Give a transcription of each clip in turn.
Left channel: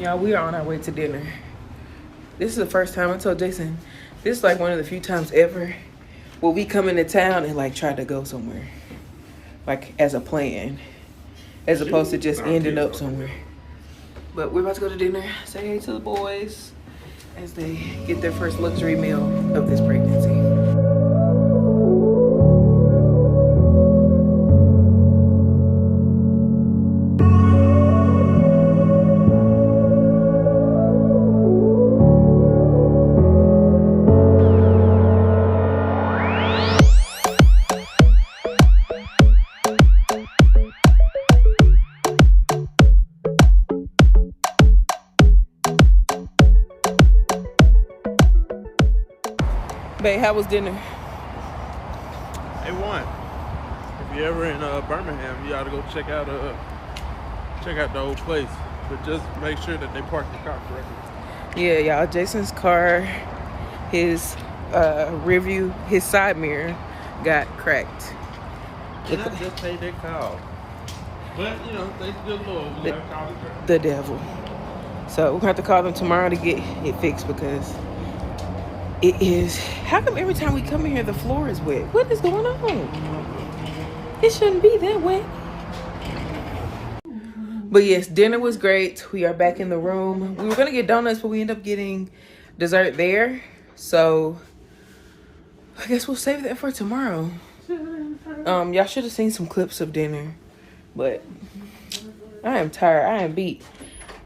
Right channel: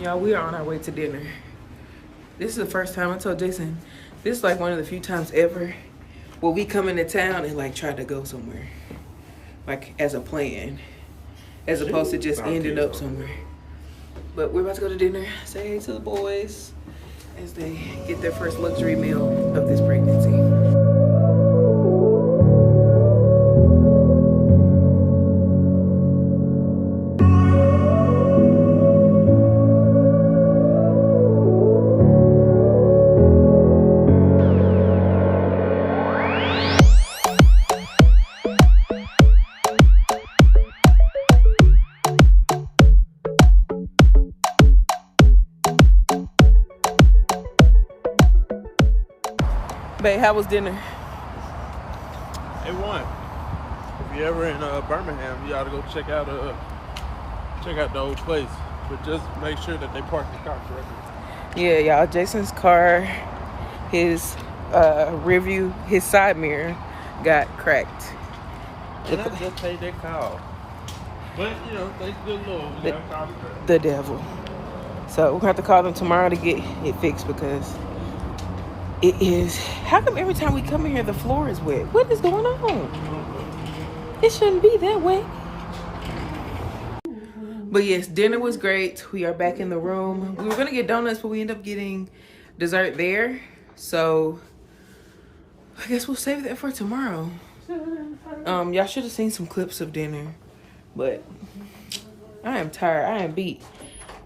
Y'all, we are on our way to dinner. This is the first time I told Jason, this is like one of the few times ever where we come into town and like try to go somewhere. Like as a plan. As opposed to just ending up somewhere. But we're about to go to dinner. Say hey to the boys as they get their first luxury meal of this pregnancy. Babe, how was dinner? A1. If you're ever in Birmingham, you ought to go check out the old place. But just make sure that they park the car correctly. Yeah, y'all. Jason's car, his rear view, his side mirror got cracked. And I just paid that call. But you know, they still know the devil. So we're gonna have to call them tomorrow to get it fixed because it is. How come every time we come in here the floor is wet? What is going on? It shouldn't be that way. But yes, dinner was great. We are back in the room. We were gonna get donuts, but we ended up getting dessert there. So I guess we'll save that for tomorrow. Y'all should have seen some clips of dinner, but I am tired. I am beat.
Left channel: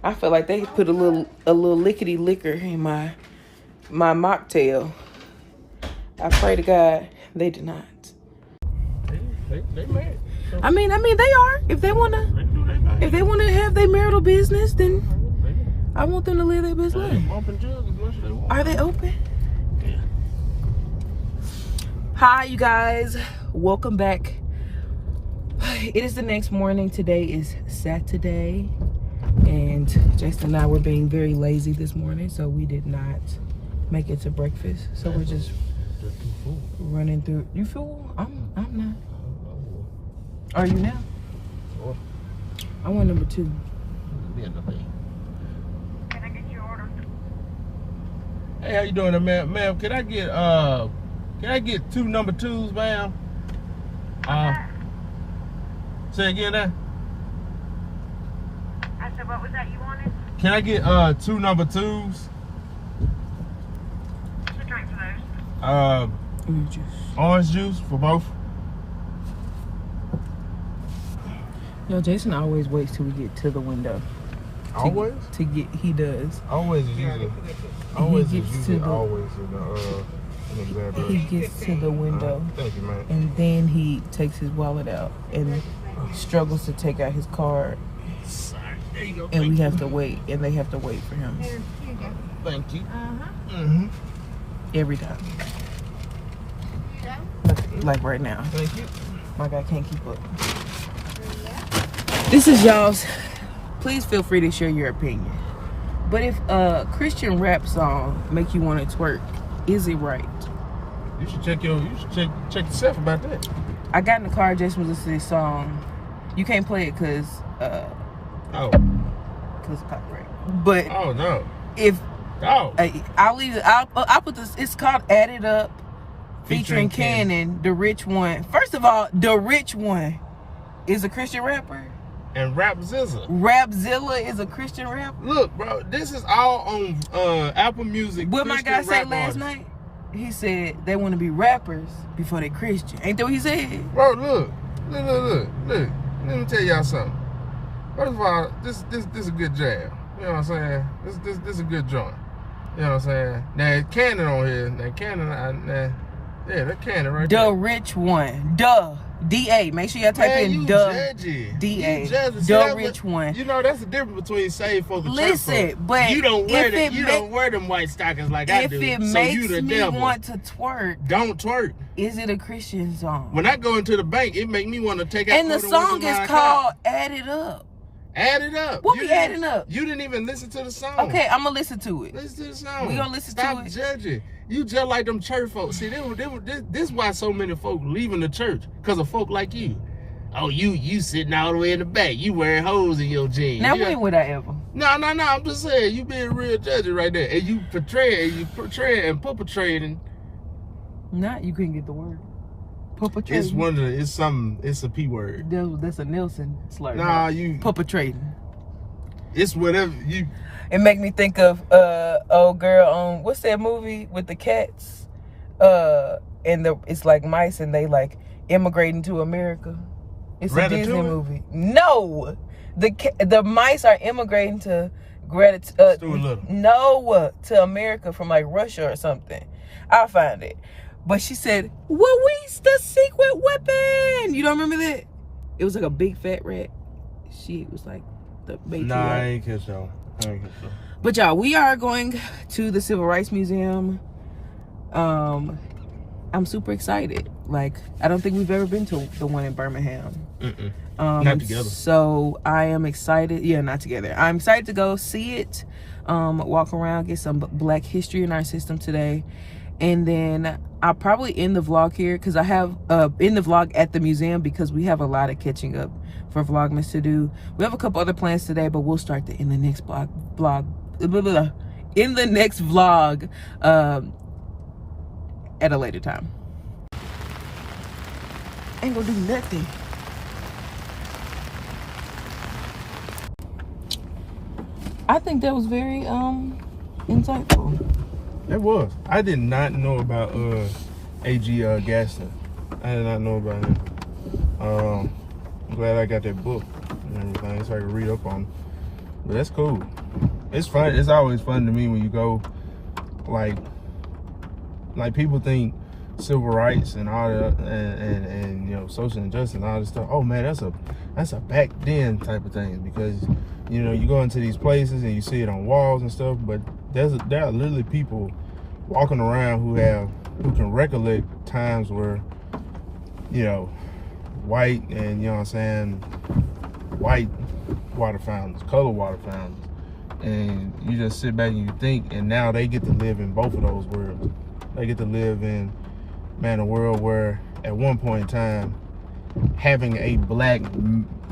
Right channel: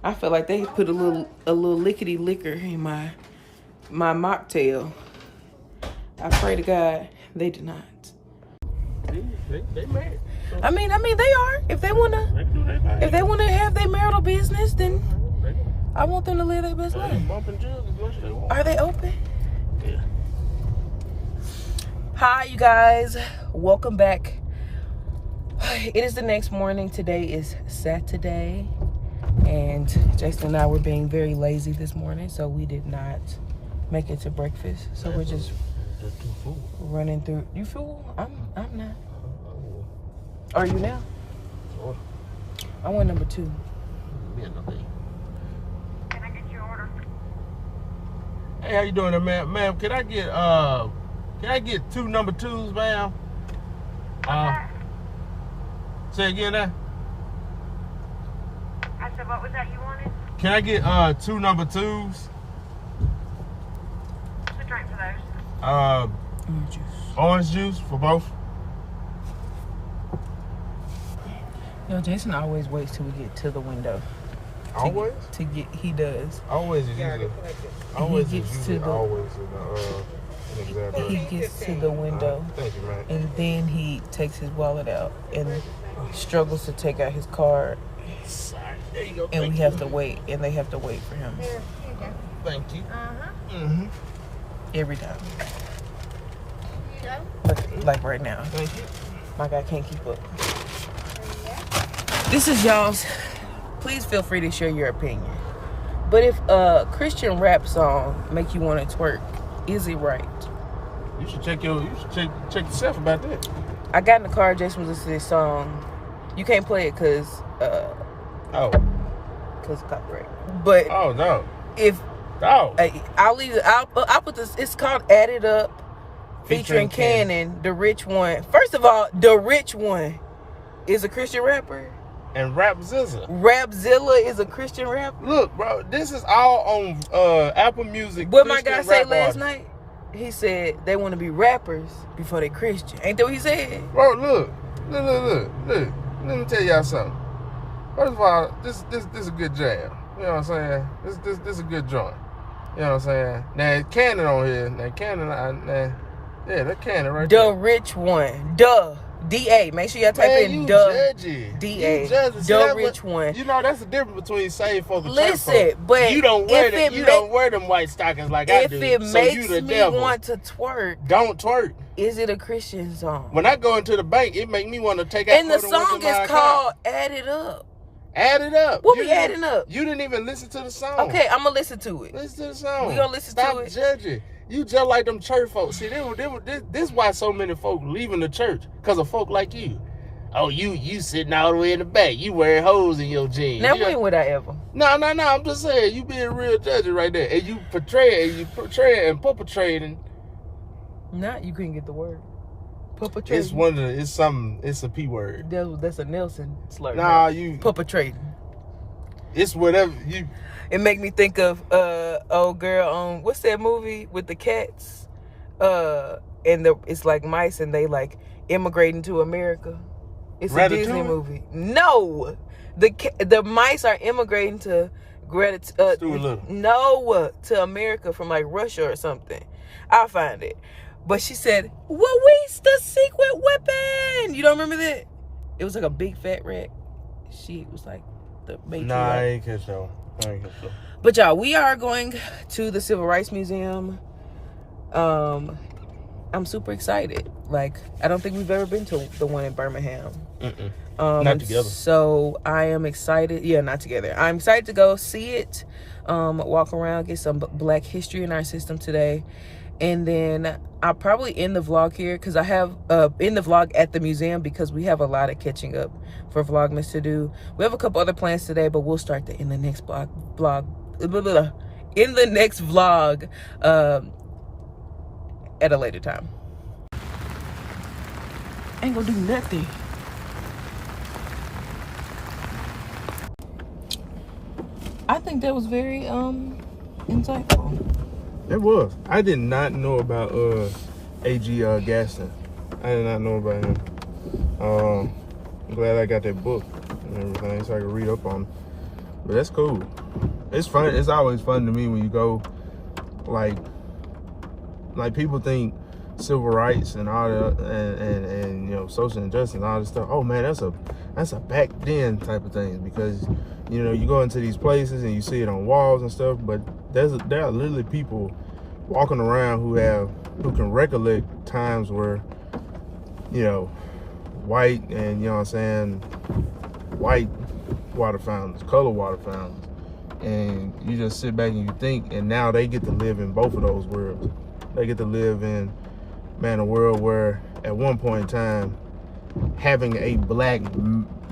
I feel like they put a little lickety liquor in my mocktail. I pray to God they did not. I mean they are. If they wanna have their marital business, then I want them to live their best life. Are they open? Hi, you guys. Welcome back. It is the next morning. Today is Saturday, and Jason and I were being very lazy this morning, so we did not make it to breakfast. So we're just running through. You full? I'm now. Are you now? I want number 2. Can I get your order? Hey, how you doing there, ma'am? Ma'am, can I get 2 number 2s, ma'am? Say again there. I said, what was that you wanted? Can I get 2 number 2s? What's the drink for those? Orange juice for both. You know, Jason always waits till we get to the window. Always? He does. Always is usually. Always is usually always He gets to the window, thank you, man. and then he takes his wallet out and struggles to take out his card, There you go. and we have to wait, and they have to wait for him Thank you. every time. Like right now, my guy can't keep up. This is y'all's. Please feel free to share your opinion. But if a Christian rap song make you want to twerk, is it right? You should check yourself about that. I got in the car. Jason was listening to this song. You can't play it because of copyright. But no. if Oh. I'll leave it. I'll put this. It's called "Add It Up," featuring Cannon, the Rich One. First of all, the Rich One is a Christian rapper. And Rapzilla. Rapzilla is a Christian rapper. Look, bro, this is all on Apple Music. What my guy say last night? He said they want to be rappers before they Christian. Ain't that what he said? Bro, look. Let me tell y'all something. First of all, this is a good jam. You know what I'm saying? This is a good joint. You know what I'm saying? Now Cannon on here. Now Cannon, yeah, that Cannon right there. The Rich One. Duh. D-A. Make sure y'all type in duh. D-A. The Rich One. You know, that's the difference between saved folk and church Listen, folk. but you don't wear them white stockings like I do. If it makes me want to twerk, don't twerk. Is it a Christian song? When I go into the bank, it make me want to take out. And the song is called "Add It Up." Add it up. What we adding up? You didn't even listen to the song. Okay, I'm gonna listen to it. Listen to the song. We gonna listen Stop to it. Judging. You just like them church folks. See, this is why so many folk leaving the church, because of folk like you. Oh, you sitting all the way in the back. You wearing holes in your jeans. Now, when would I ever? No. I'm just saying you being real judgy right there, and you portraying and perpetrating. Not you couldn't get the word. Perpetrating. It's a P word. That's a Nelson slur. Nah, you perpetrating. It's whatever you. It make me think of old girl on what's that movie with the cats? And it's like mice and they like immigrating to America. It's a Disney movie. No, the mice are immigrating to to America from like Russia or something. I'll find it. But she said, "Where's the secret weapon?" You don't remember that? It was like a big fat rat. She was like the matriarch. Nah, I ain't catch so. But y'all, we are going to the Civil Rights Museum. I'm super excited. Like, I don't think we've ever been to the one in Birmingham. Not together. So I am excited. Yeah, not together. I'm excited to go see it, walk around, get some Black history in our system today. And then I'll probably end the vlog here because I have in the vlog at the museum because we have a lot of catching up for Vlogmas to do. We have a couple other plans today, but we'll start in the next in the next vlog at a later time. Ain't gonna do nothing. I think that was very insightful. It was. I did not know about A.G. Gaston. I did not know about him. I'm glad I got that book and everything so I can read up on him. But that's cool. It's fun. It's always fun to me when you go, like people think civil rights and all that, and you know, social injustice and all this stuff. Oh man, that's a back then type of thing, because you know, you go into these places and you see it on walls and stuff, but there are literally people walking around who can recollect times where, you know, white and, you know what I'm saying, white water fountains, color water fountains, and you just sit back and you think, and now they get to live in both of those worlds. They get to live in, man, a world where at one point in time having a Black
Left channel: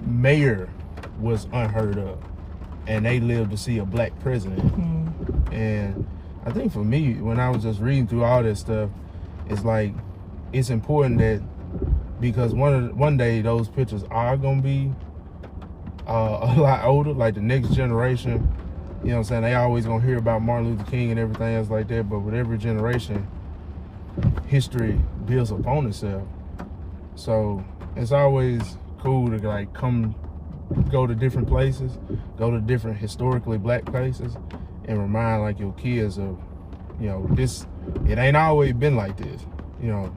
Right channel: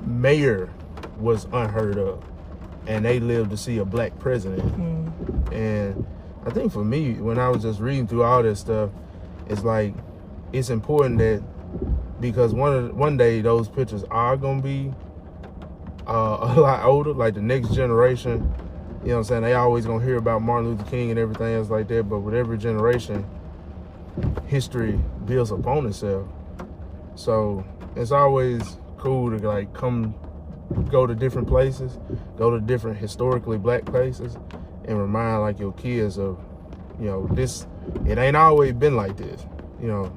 mayor was unheard of, and they lived to see a Black president. And I think for me, when I was just reading through all this stuff, it's like, it's important that, because one day those pictures are gonna be a lot older, like the next generation, you know what I'm saying, they always gonna hear about Martin Luther King and everything else like that, but with every generation, history builds upon itself. So it's always cool to like go to different places, go to different historically Black places, and remind like your kids of, you know, it ain't always been like this, you know,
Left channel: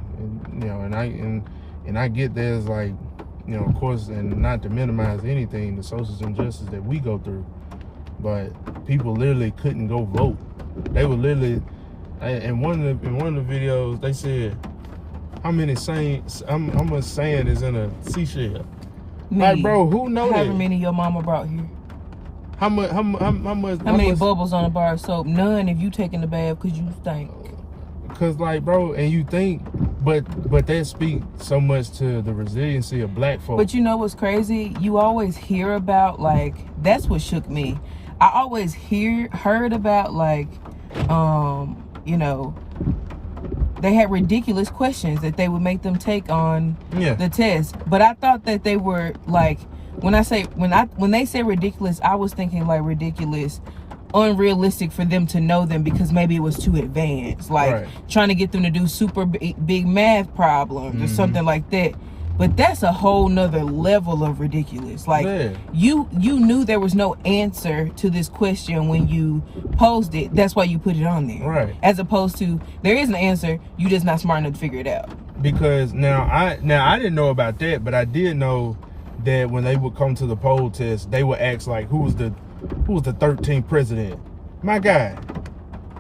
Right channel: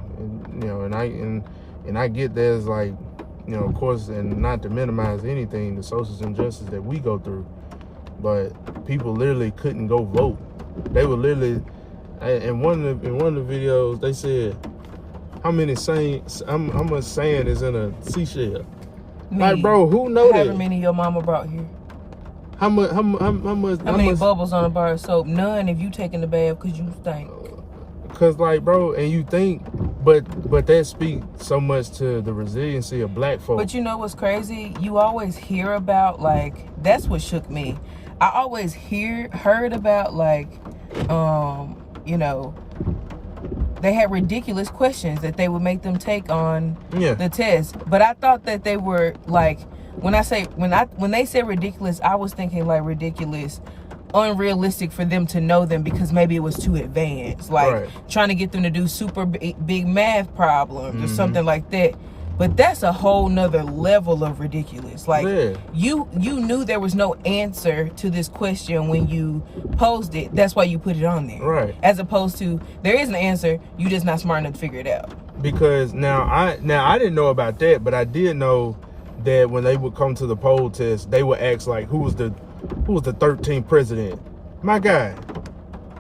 and I get there's like, you know, of course, and not to minimize anything, the social injustice that we go through, but people literally couldn't go vote. They were literally, in one of the videos, they said, how much sand is in a seashell? Like, bro, who knows that? However many your mama brought here. How much? How many bubbles on a bar of soap? None if you taking the bath because you stink. Cause like, bro, and you think, but that speaks so much to the resiliency of Black folk. But you know what's crazy? You always hear about, like, that's what shook me. I always heard about, like, you know, they had ridiculous questions that they would make them take on the test. But I thought that they were like, when they say ridiculous, I was thinking like ridiculous, unrealistic for them to know them because maybe it was too advanced, like trying to get them to do super big math problems or something like that. But that's a whole nother level of ridiculous. Like, you knew there was no answer to this question when you posed it. That's why you put it on there. Right. As opposed to, there is an answer, you just not smart enough to figure it out. Because now I didn't know about that, but I did know that when they would come to the poll test, they would ask like, who was the 13th president? My God,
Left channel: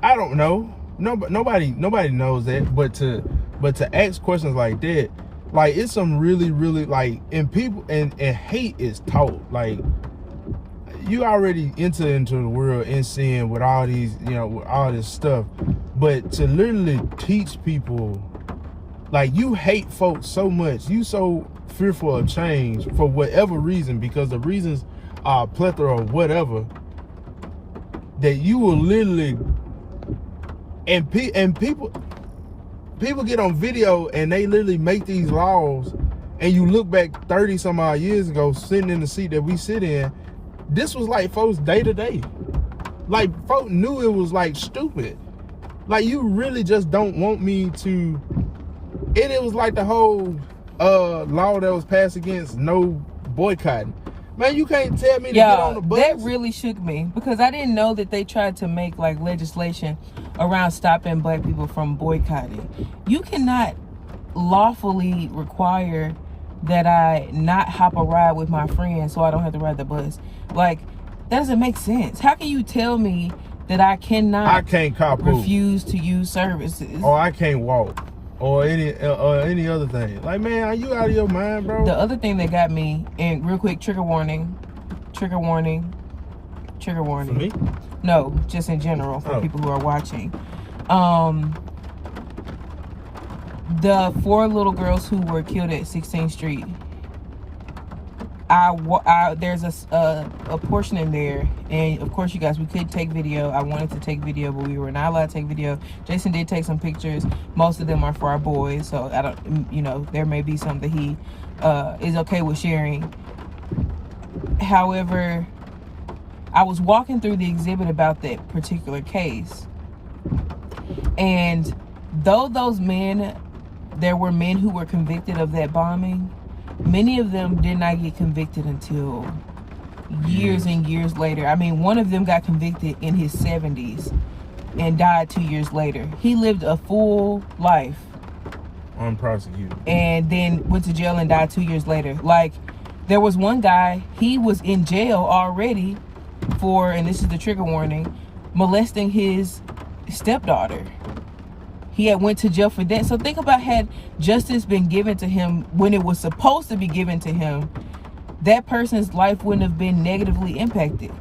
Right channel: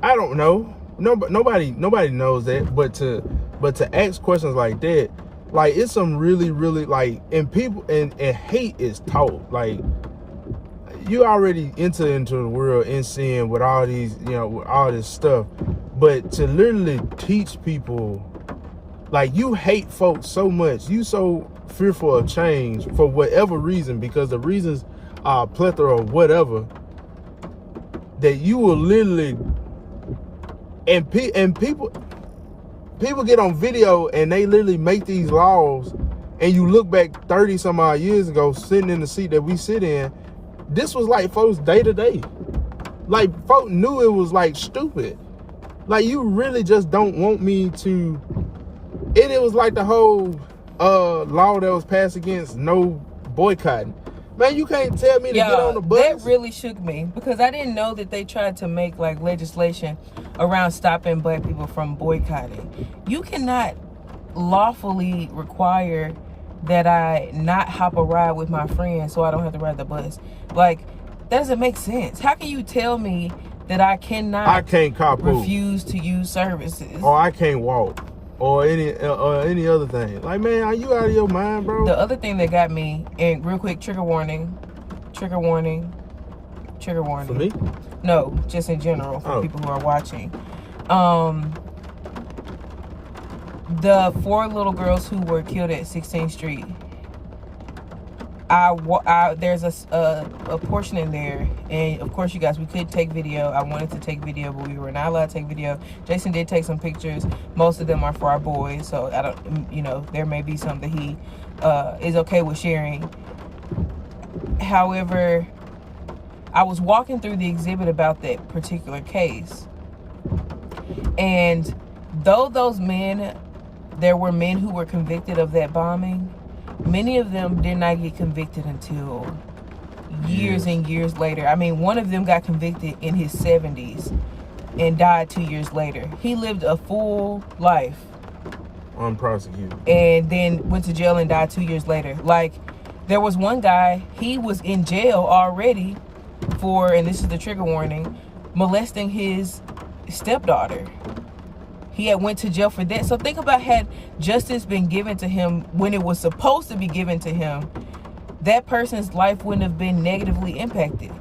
I don't know. Nobody knows that. But to ask questions like that, like, it's some really, really, like, and people, and hate is taught. Like, you already enter into the world and seeing with all these, you know, with all this stuff. But to literally teach people, like, you hate folks so much, you so fearful of change for whatever reason, because the reasons are a plethora of whatever. that you will literally, and people get on video and they literally make these laws, and you look back 30 some odd years ago, sitting in the seat that we sit in, this was like folks day to day. Like folk knew it was like stupid. Like you really just don't want me to. It was like the whole law that was passed against no boycotting. Man, you can't tell me to get on the bus. That really shook me because I didn't know that they tried to make like legislation around stopping black people from boycotting. You cannot lawfully require that I not hop a ride with my friends so I don't have to ride the bus. Like, that doesn't make sense. How can you tell me that I can't carpool, refuse to use services, or I can't walk, or any other thing? Like, man, are you out of your mind, bro? The other thing that got me, and real quick, trigger warning. For me? No, just in general for people who are watching. The 4 little girls who were killed at 16th Street. There's a portion in there, and of course, you guys, we could take video. I wanted to take video, but we were not allowed to take video. Jason did take some pictures. Most of them are for our boys, so I don't, there may be some that he is okay with sharing. However, I was walking through the exhibit about that particular case, and though there were men who were convicted of that bombing, many of them did not get convicted until years and years later. I mean, one of them got convicted in his 70s and died 2 years later. He lived a full life. Unprosecuted. And then went to jail and died 2 years later. Like, there was one guy, he was in jail already for, and this is the trigger warning, molesting his stepdaughter. He had went to jail for that. So think about, had justice been given to him when it was supposed to be given to him, that person's life wouldn't have been negatively impacted.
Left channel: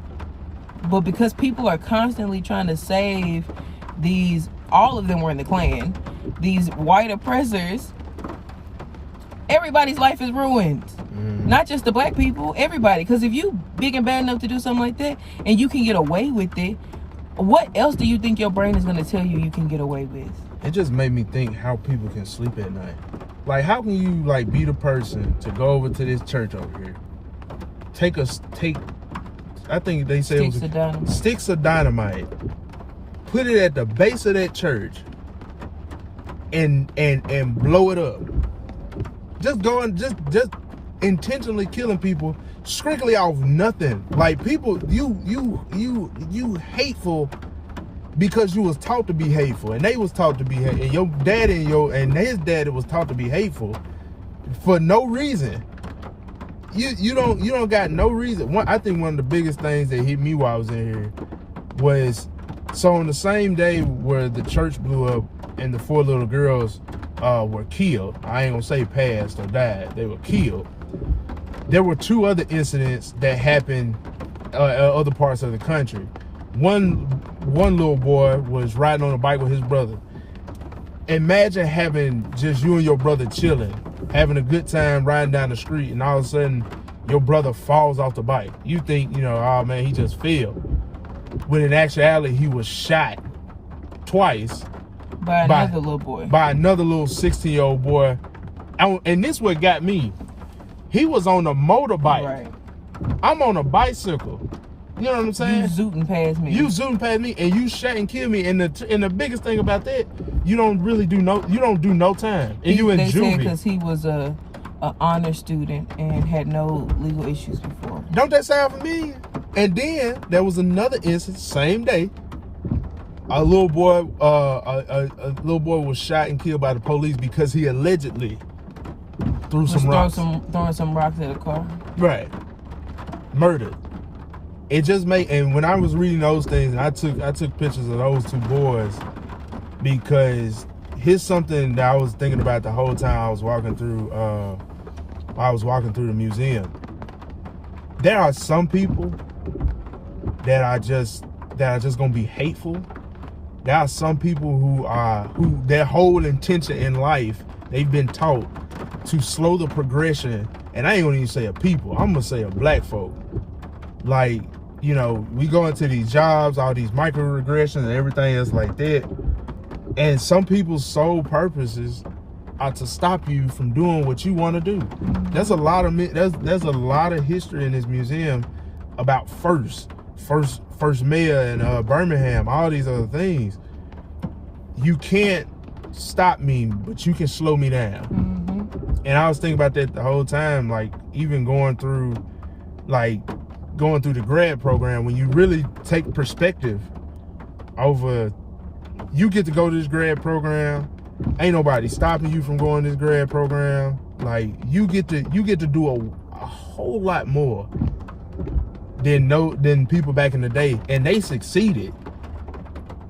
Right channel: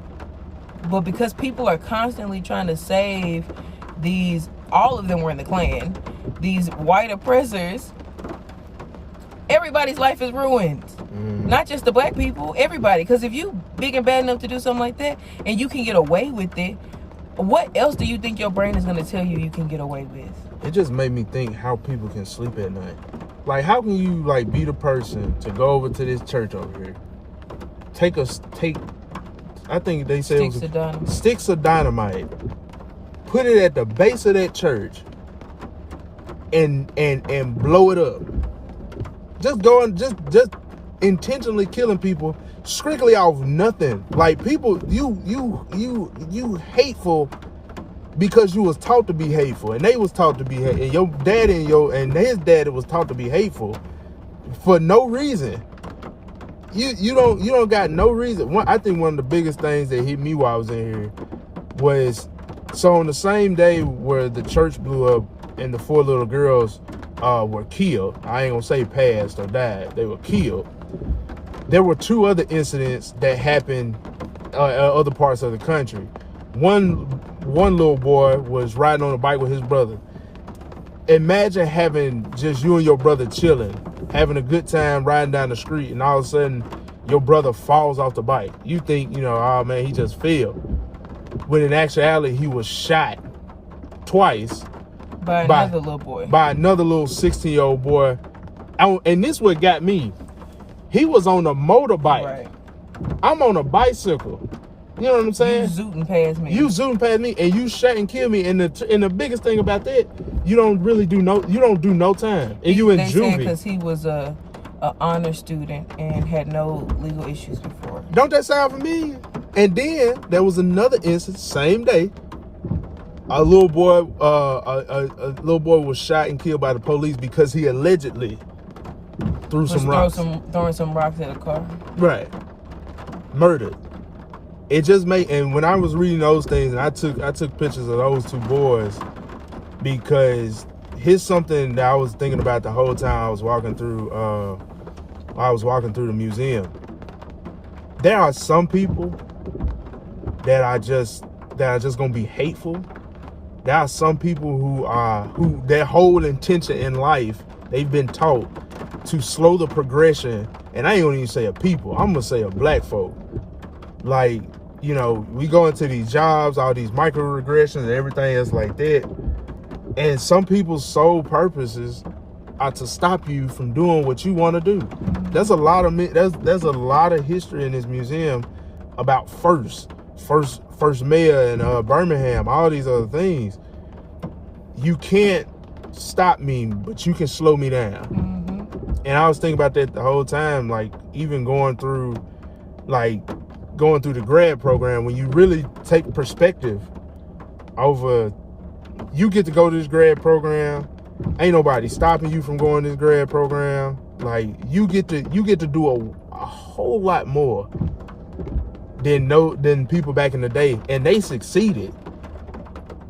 But because people are constantly trying to save these, all of them were in the Klan, these white oppressors, everybody's life is ruined. Not just the black people, everybody. Because if you big and bad enough to do something like that and you can get away with it, what else do you think your brain is going to tell you can get away with? It just made me think how people can sleep at night. Like, how can you like be the person to go over to this church over here, take I think they said sticks of dynamite, put it at the base of that church, and blow it up. Just going, just intentionally killing people, strictly off nothing. Like, people, you hateful because you was taught to be hateful, and they was taught to be hateful, and your dad and his daddy was taught to be hateful for no reason. You don't got no reason. I think one of the biggest things that hit me while I was in here was, so on the same day where the church blew up and the 4 little girls were killed, I ain't gonna say passed or died, they were killed, there were 2 other incidents that happened other parts of the country. One little boy was riding on a bike with his brother. Imagine having just you and your brother chilling, having a good time riding down the street, and all of a sudden your brother falls off the bike. You think, oh man, he just fell. When in actuality, he was shot twice by another little boy. By another little 16-year-old boy. And this what got me. He was on a motorbike. Right. I'm on a bicycle. You know what I'm saying? You zooting past me. And you shot and killed me. And the biggest thing about that, you don't do no time. And you in juvie. They said because he was a honor student and had no legal issues before. Don't that sound familiar? And then there was another instance, same day. A little boy was shot and killed by the police because he allegedly threw some rocks. Throwing some rocks at a car. Right. Murdered. It just made, and when I was reading those things, and I took pictures of those 2 boys, because here's something that I was thinking about the whole time I was walking through the museum. There are some people that are just gonna be hateful. There are some people who their whole intention in life, they've been taught to slow the progression, and I ain't gonna even say a people, I'm gonna say a black folk. Like, you know, we go into these jobs, all these microaggressions and everything else like that. And some people's sole purposes are to stop you from doing what you want to do. There's a lot of there's a lot of history in this museum about first mayor in Birmingham, all these other things. You can't stop me, but you can slow me down. And I was thinking about that the whole time, like even going through the grad program, when you really take perspective over, you get to go to this grad program, ain't nobody stopping you from going to this grad program. Like you get to do a whole lot more than people back in the day, and they succeeded.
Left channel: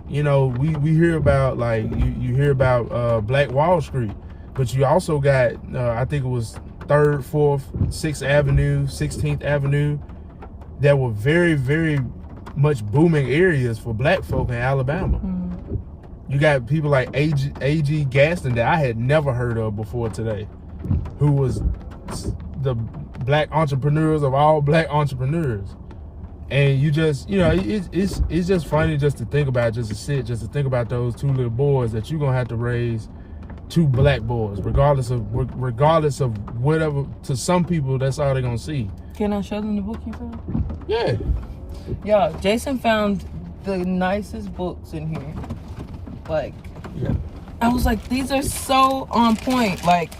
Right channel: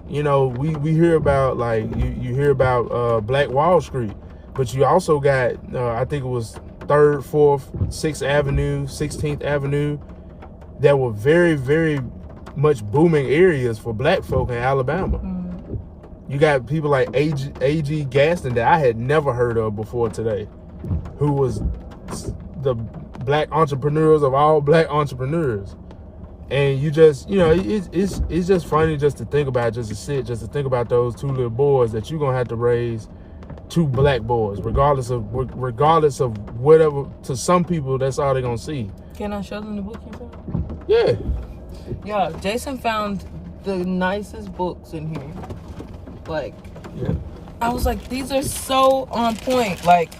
You know, we hear about, like, you hear about Black Wall Street, but you also got I think it was 3rd, 4th, 6th Avenue, 16th Avenue, that were very, very much booming areas for black folk in Alabama. You got people like A.G. Gaston that I had never heard of before today, who was the black entrepreneurs of all black entrepreneurs. And you just, you know, it's just funny just to think about, just to think about those 2 little boys that you're gonna have to raise 2 black boys, regardless of whatever. To some people, that's all they're gonna see. Can I show them the book you found? Yeah. Y'all, Jason found the nicest books in here. Like, yeah. I was like, these are so on point. Like,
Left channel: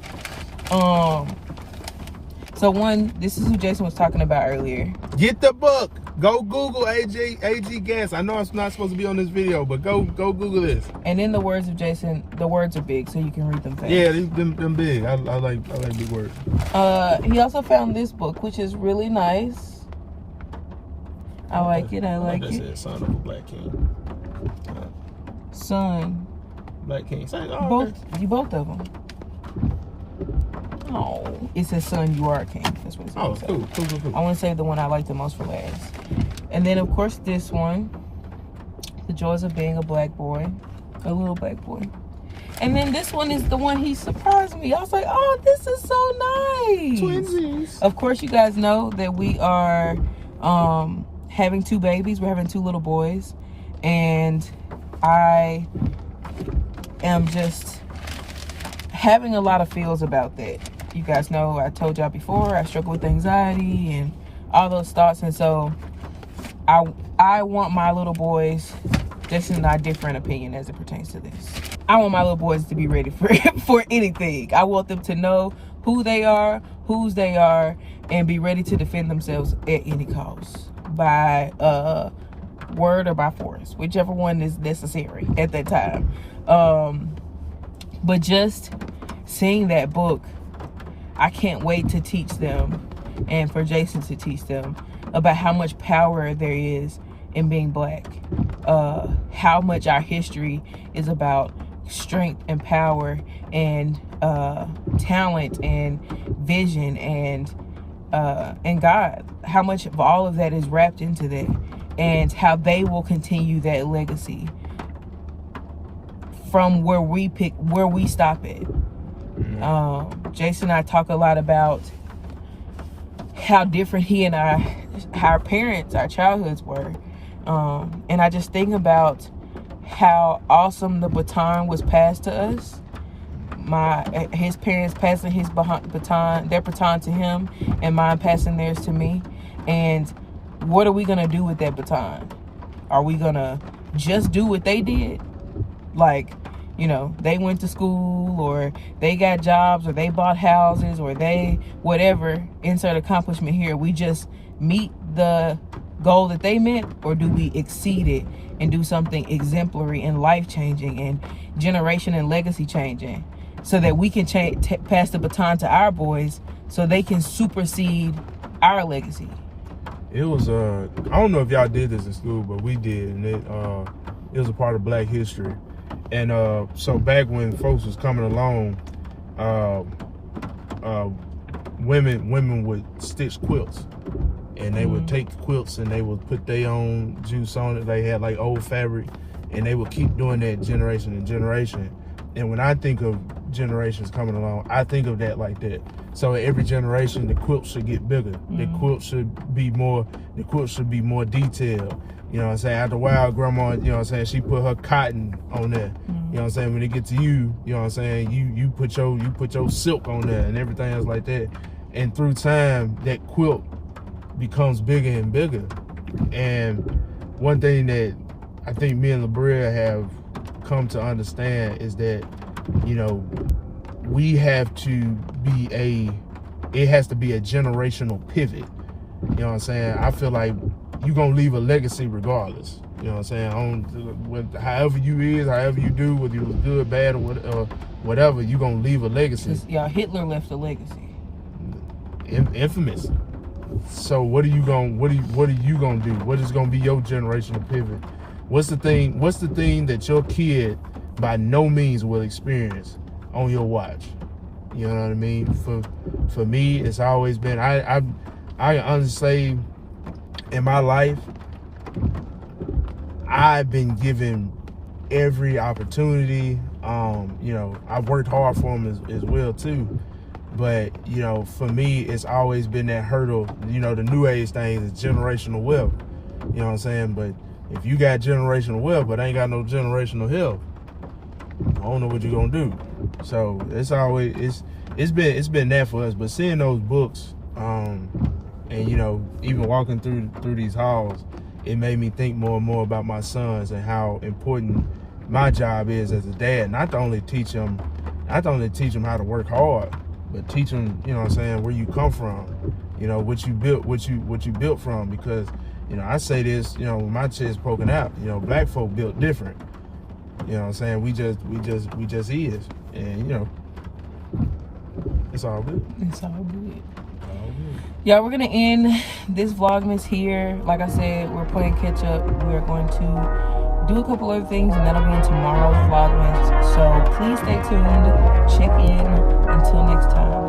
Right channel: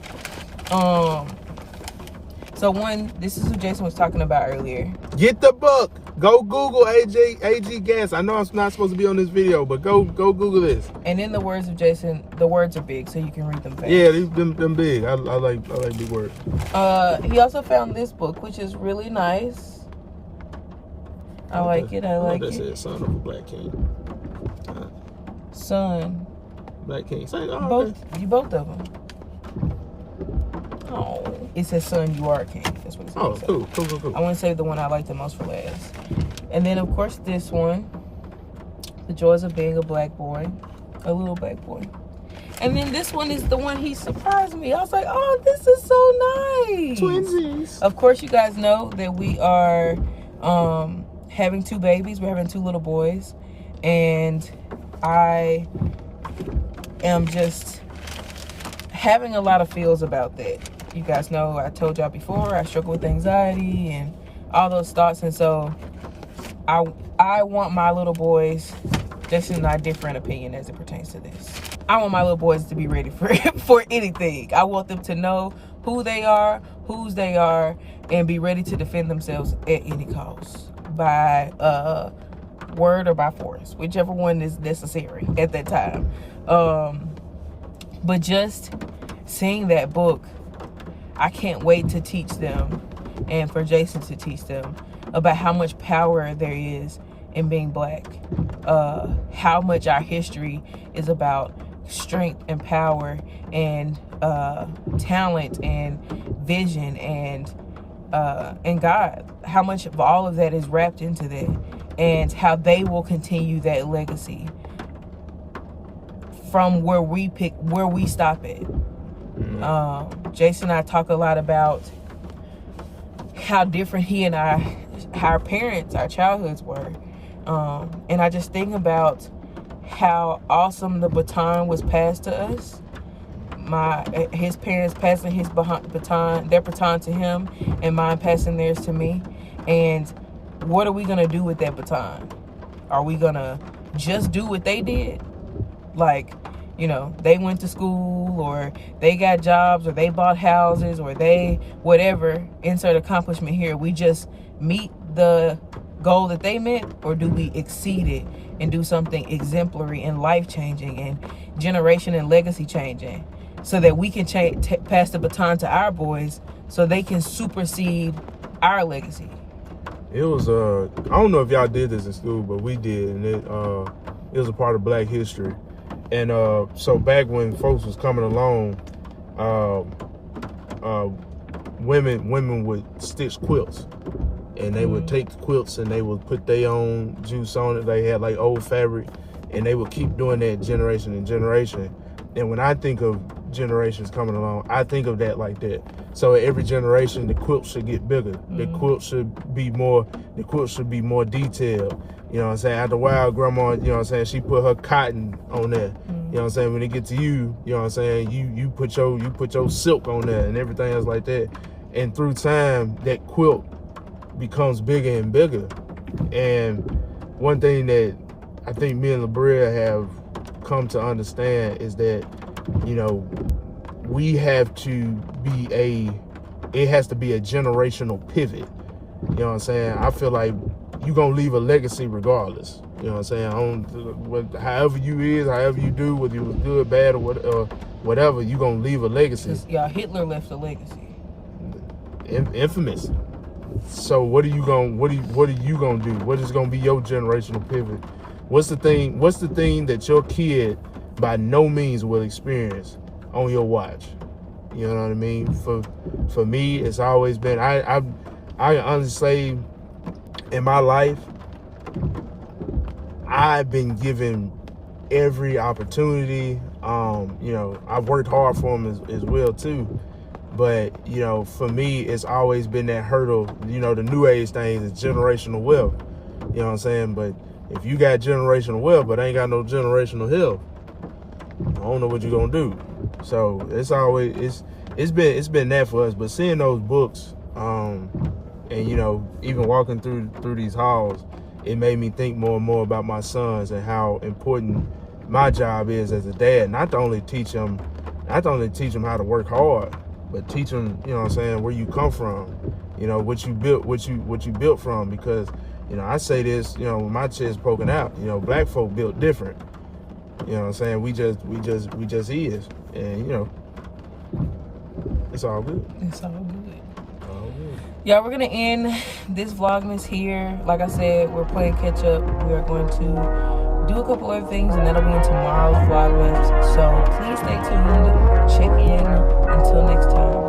so one, this is who Jason was talking about earlier. Get the book. Go Google A.G. Gas. I know I'm not supposed to be on this video, but go Google this. And in the words of Jason, the words are big, so you can read them fast. Yeah, them big. I like big words. He also found this book, which is really nice. I like it. I like it. Said Son of a Black King. Son. Black King. Both of them. Oh, it says "Son, you are a king." That's what it says. Oh, cool. I want to save the one I like the most for last. And then, of course, this one, "The Joys of Being a Black Boy," a little black boy. And then this one is the one he surprised me. I was like, "Oh, this is so nice." Twinsies. Of course, you guys know that we are having 2 babies. We're having 2 little boys, and I am just having a lot of feels about that. You guys know I told y'all before I struggle with anxiety and all those thoughts, and so I want my little boys, Jason and I, different opinion as it pertains to this. I want my little boys to be ready for anything. I want them to know who they are, whose they are, and be ready to defend themselves at any cost, by word or by force, whichever one is necessary at that time. But just seeing that book, I can't wait to teach them, and for Jason to teach them about how much power there is in being black, how much our history is about strength and power and talent and vision and God, how much of all of that is wrapped into that, and how they will continue that legacy from where we stop it. Jason and I talk a lot about how different he and our parents, our childhoods were. And I just think about how awesome the baton was passed to us. His parents passing their baton to him, and mine passing theirs to me. And what are we gonna do with that baton? Are we gonna just do what they did? Like, you know, they went to school, or they got jobs, or they bought houses, or they whatever, insert accomplishment here. We just meet the goal that they meant, or do we exceed it and do something exemplary and life-changing and generation and legacy changing, so that we can pass the baton to our boys so they can supersede our legacy? It was I don't know if y'all did this in school, but we did, and it was a part of Black history. And so back when folks was coming along, women would stitch quilts, and they would take quilts and they would put their own juice on it. They had like old fabric, and they would keep doing that generation and generation. And when I think of generations coming along, I think of that like that. So every generation, the quilt should get bigger. The quilt should be more detailed. You know what I'm saying? After a while, grandma, you know what I'm saying, she put her cotton on there. You know what I'm saying? When it get to you, you know what I'm saying, you put your silk on there and everything else like that. And through time, that quilt becomes bigger and bigger. And one thing that I think me and LaBrea have come to understand is that, you know, we have to be it has to be a generational pivot. You know what I'm saying? I feel like you're going to leave a legacy regardless. You know what I'm saying? However you is, however you do, whether you was good, bad, or whatever, you're going to leave a legacy. Yeah, Hitler left a legacy. Infamous. So what are you gonna do? What is gonna be your generational pivot? What's the thing that your kid by no means will experience on your watch? You know what I mean? For me, it's always been I honestly, in my life, I've been given every opportunity. You know, I've worked hard for them as well too. But, you know, for me, it's always been that hurdle. You know, the new age thing is generational wealth. You know what I'm saying? But if you got generational wealth but ain't got no generational health, I don't know what you're gonna do. So it's always it's been that for us. But seeing those books, and you know, even walking through these halls, it made me think more and more about my sons and how important my job is as a dad. Not to only teach them how to work hard, but teach them, you know what I'm saying, where you come from, you know, what you built from. Because, you know, I say this, you know, with my chest poking out, you know, black folk built different. You know what I'm saying? We just is. And, you know, it's all good. It's all good. Yeah, we're gonna end this Vlogmas here. Like I said, we're playing catch up. We are going to do a couple other things, and that'll be in tomorrow's Vlogmas. So please stay tuned. Check in. Until next time.